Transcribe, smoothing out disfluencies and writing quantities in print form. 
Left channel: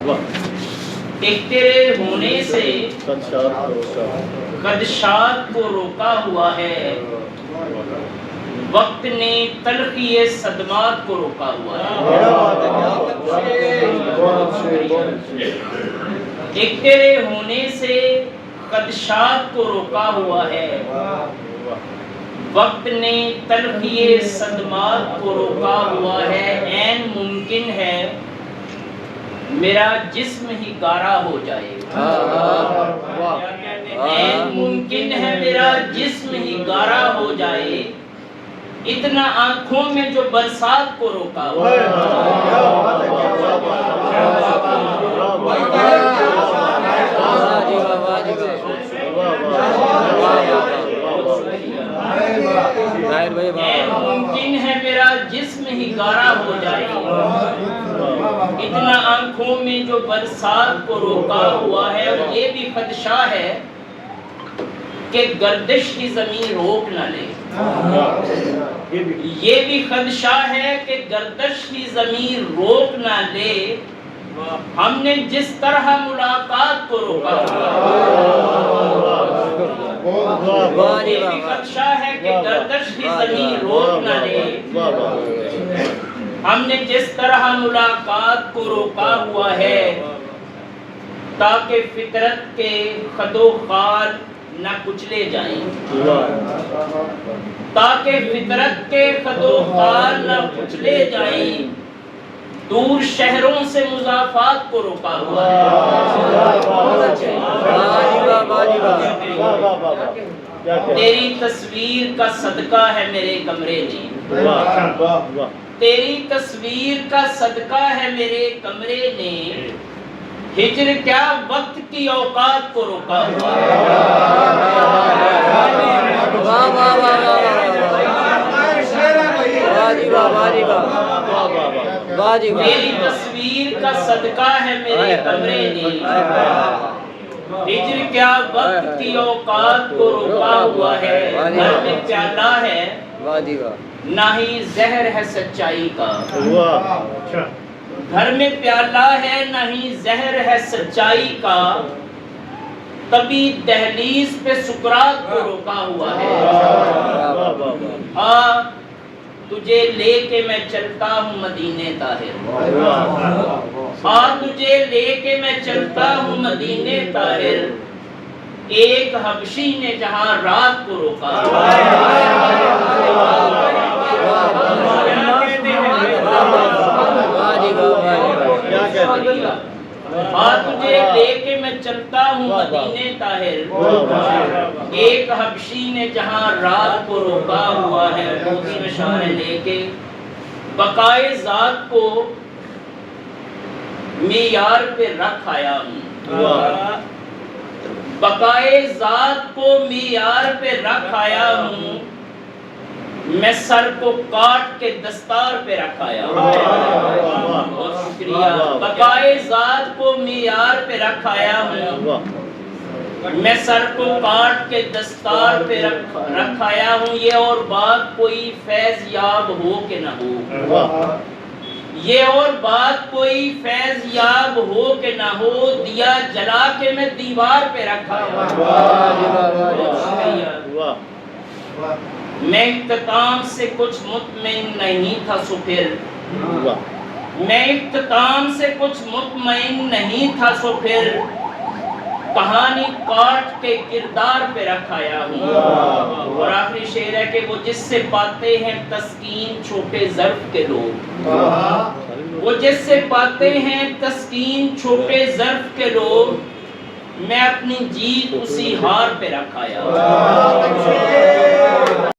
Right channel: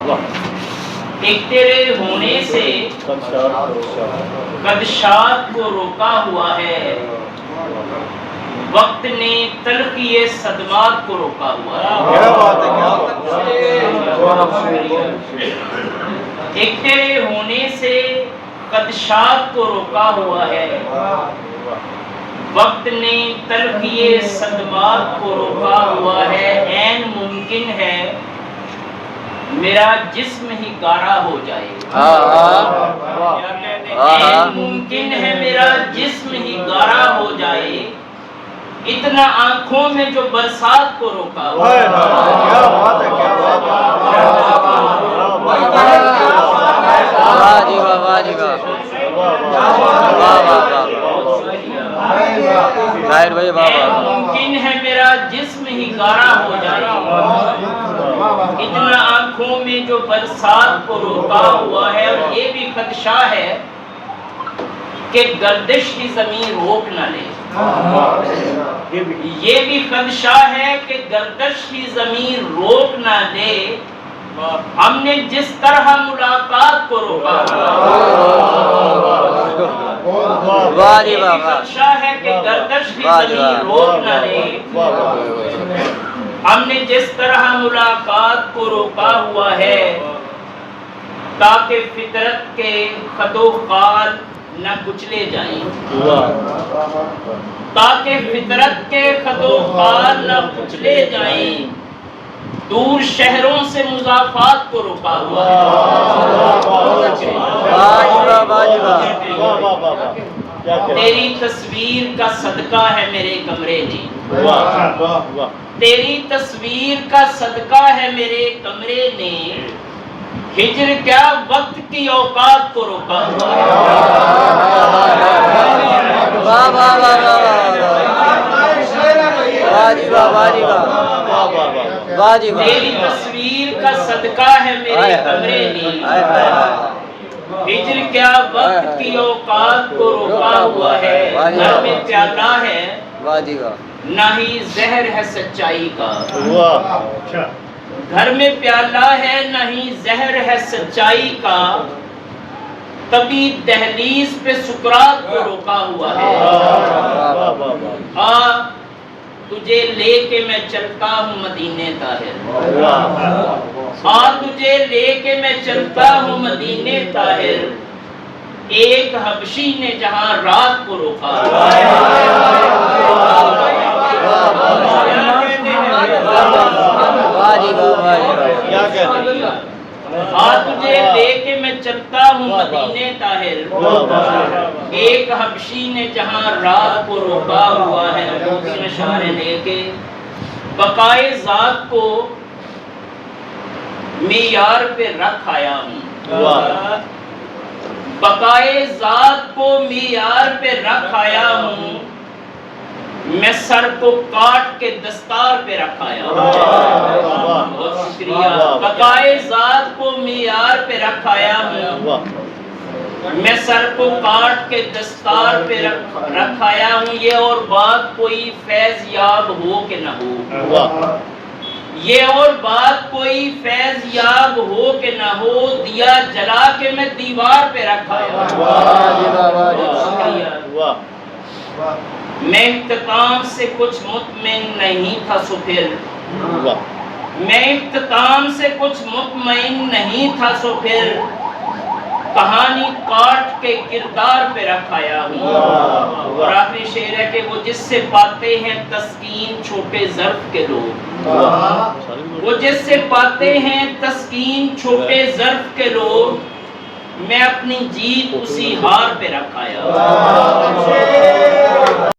ایک تیرے ہونے سے خدشات کو روکا ہوا ہے، وقت نے تلخی صدمات کو روکا ہوا ہے۔ ایک تیرے ہونے سے خدشات کو روکا ہوا ہے، وقت نے تلخی صدمات کو روکا ہوا ہے۔ عین ممکن ہے میرا جسم ہی گارا ہو جائے، عین ممکن ہے میرا جسم ہی گارا ہو جائے، اتنا آنکھوں میں جو برسات کو روکا ہوا ہے۔ ممکن ہے میرا جسم ہی گارا ہو جائے، اتنا آنکھوں میں جو برسات کو روکا ہوا ہے۔ اور یہ بھی خدشہ ہے کہ گردش کی زمین روک نہ لے، یہ بھی خدشہ ہے کہ گردش کی زمین روک نہ لے۔ ہم نے جس طرح ملاقات کو روکا ہوا، یہ بھی خدشہ ہے کہ گردش کی زمین روک نہ لے۔ ہم نے جس طرح ملاقات کو روکا ہوا ہے، تاکہ فطرت کے خد و خال نہ کچلے جائیں، تاکہ فطرت کے خد و خال نہ کچلے جائیں۔ دور شہروں سے مضافات کو روکا ہوا ہے۔ تیری تصویر کا صدقہ ہے میرے کمرے نے، تیری تصویر کا صدقہ ہے میرے کمرے نے، ہجر کیا وقت کی اوقات کو روکا ہوا ہے۔ تیری تصویر کا صدقہ ہے میرے کمرے نے، ہجر کیا وقت کی اوقات کو روکا ہوا ہے۔ گھر میں پیالہ ہے نہ ہی زہر ہے سچائی کا، گھر میں پیالہ ہے نہ ہی زہر ہے سچائی کا، تبھی دہلیز پہ سکرات کو روکا ہوا ہے۔ تجھے لے کے میں چلتا ہوں مدینے طاہر، تجھے لے کے میں چلتا ہوں مدینے طاہر، ایک حبشی نے جہاں رات کو روکا ہوا ہے۔ تجھے لے کے میں چلتا ہوں مدینے طاہر، ایک حبشی نے جہاں رات کو روکا ہوا ہے۔ موتی نشانے لے کے بقائے ذات کو معیار پہ رکھ آیا ہوں، بقائے ذات کو معیار پہ رکھ آیا ہوں، میں سر کو کاٹ کے دستار پہ رکھ آیا ہوں۔ بہت شکریہ۔ بقائے ذات کو معیار پہ رکھ آیا ہوں، میں سر کو کاٹ کے دستار پہ رکھ آیا ہوں۔ یہ اور بات کوئی فیض یاب ہو کہ نہ ہو، یہ اور بات کوئی فیض یاب ہو کہ نہ ہو، دیا جلا کے میں دیوار پہ رکھ آیا ہوں۔ بہت شکریہ۔ میں اختتام سے کچھ مطمئن نہیں تھا سو پھر، میں اختتام سے کچھ مطمئن نہیں تھا سو پھر، کہانی کاٹ کے کردار پہ رکھایا ہوں۔ اور آخری شعر ہے کہ وہ جس سے پاتے ہیں تسکین چھوٹے ظرف کے لوگ، وہ جس سے پاتے ہیں تسکین چھوٹے ظرف کے لوگ، میں اپنی جیت اسی ہار پہ رکھایا ہوں۔